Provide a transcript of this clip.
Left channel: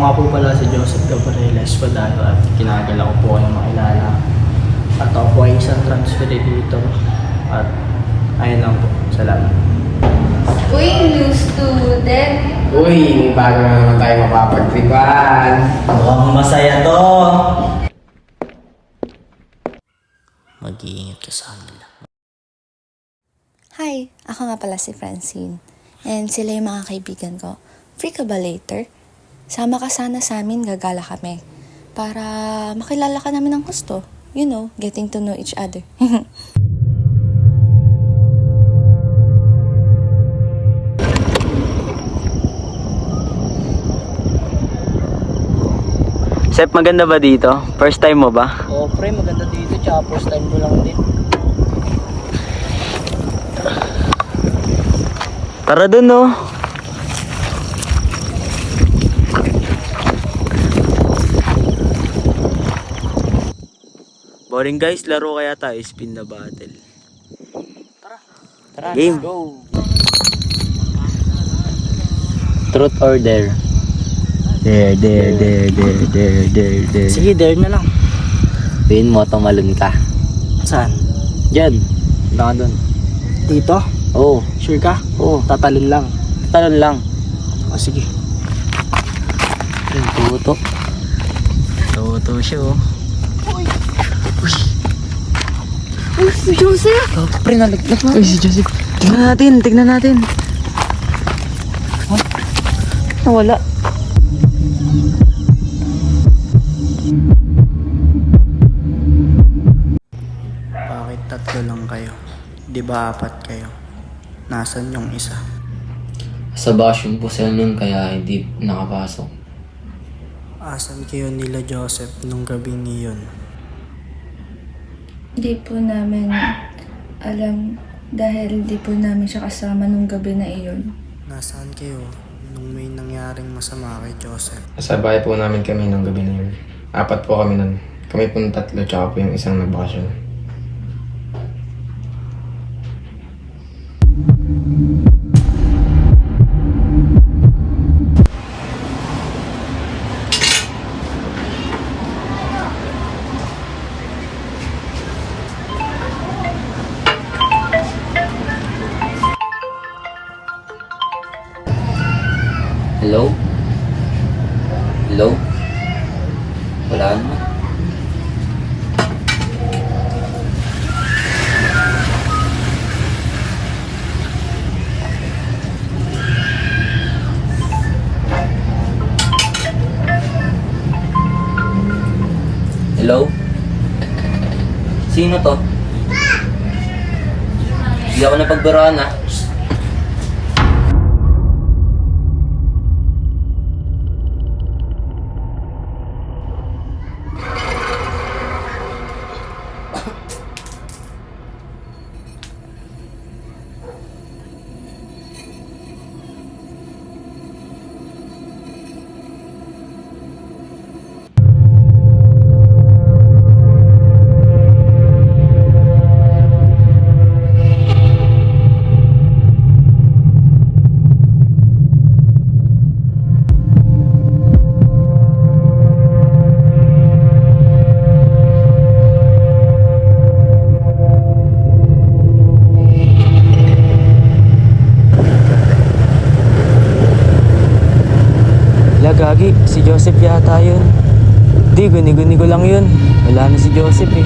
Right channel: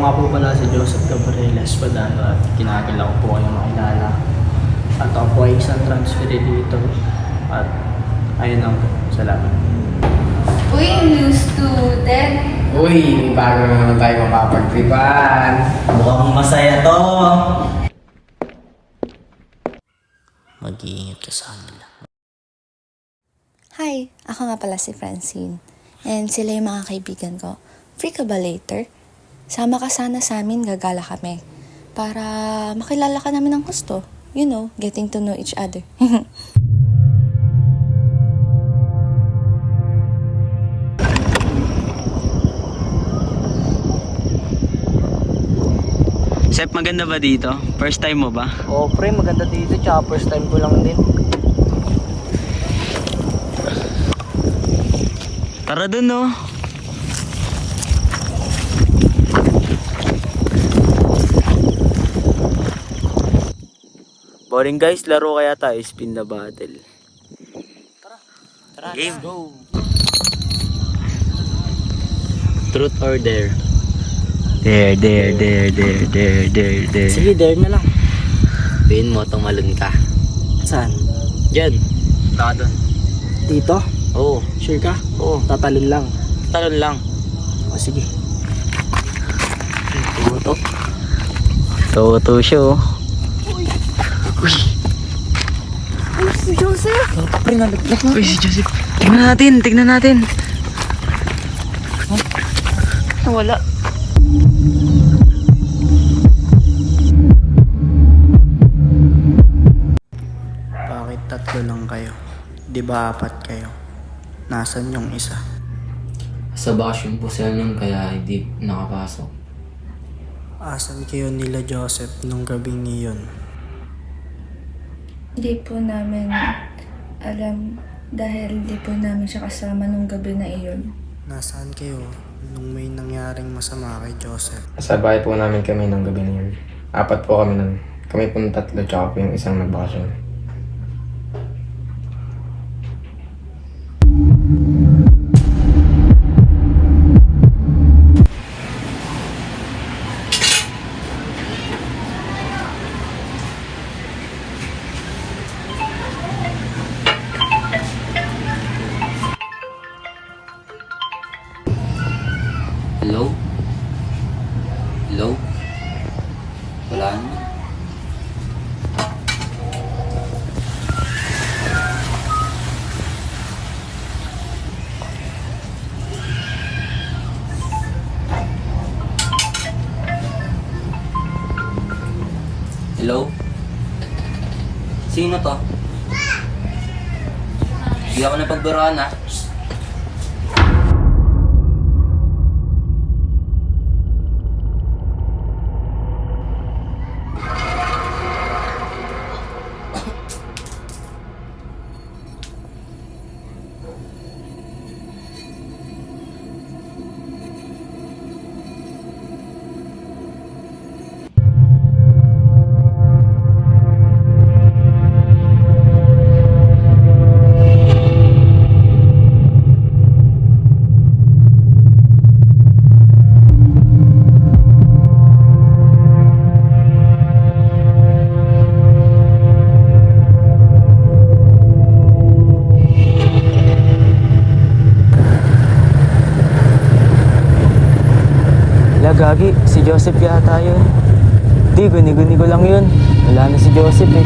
nga po pala si Joseph Gabriel Espadado at kinagala ko po kayong makilala. At ako po ay isang transfer dito. At ayun lang po. Salamat. Uy, new student. Uy, bago na naman tayo mapapagtripan. Mukhang masaya to. Mag-iingat ka sa kanila. Hi, ako nga pala si Francine. And sila yung mga kaibigan ko. Free ka ba later? Sama ka sana sa amin, gagala kami. Para makilala ka namin ng gusto. You know, getting to know each other. Sep, maganda ba dito? First time mo ba? Oo, pre, maganda dito. Tsaka first time ko lang din. Tara dun, no? Boring guys, laro kaya tayo, spin the bottle. Tara, Game. let's go. Truth or dare? Dare. Sige, dare na lang. Pin mo, tumalon ka. Saan? Diyan. Baka doon. Dito? Oo. Sure ka? Oo. Tatalon lang. Talon lang. O, sige. Tuto. Tuto siya, oh. Uy, si Joseph. Pre, nalaglag na. Uy, si Joseph. Tignan natin. Nawala. Bakit tatlo lang kayo? Di ba apat kayo? Nasaan yung isa? Sa basyon po sila nun kaya hindi nakapasok. Asan kayo nila Joseph nung gabing iyon? Hindi po namin alam dahil hindi po namin siya kasama nung gabi na iyon. Nasaan kayo nung may nangyaring masama kay Joseph? Sa bahay po namin kami ng gabi na yun. Apat po kami nun. Kami po tatlo tsaka po yung isang nagbakasyon. Hello? Hello? Wala naman. Hello? Sino to? Hindi ako napagbaraan, ah. Gagi, si Joseph yata yun. Di, guni-guni ko lang yun. Wala na si Joseph eh.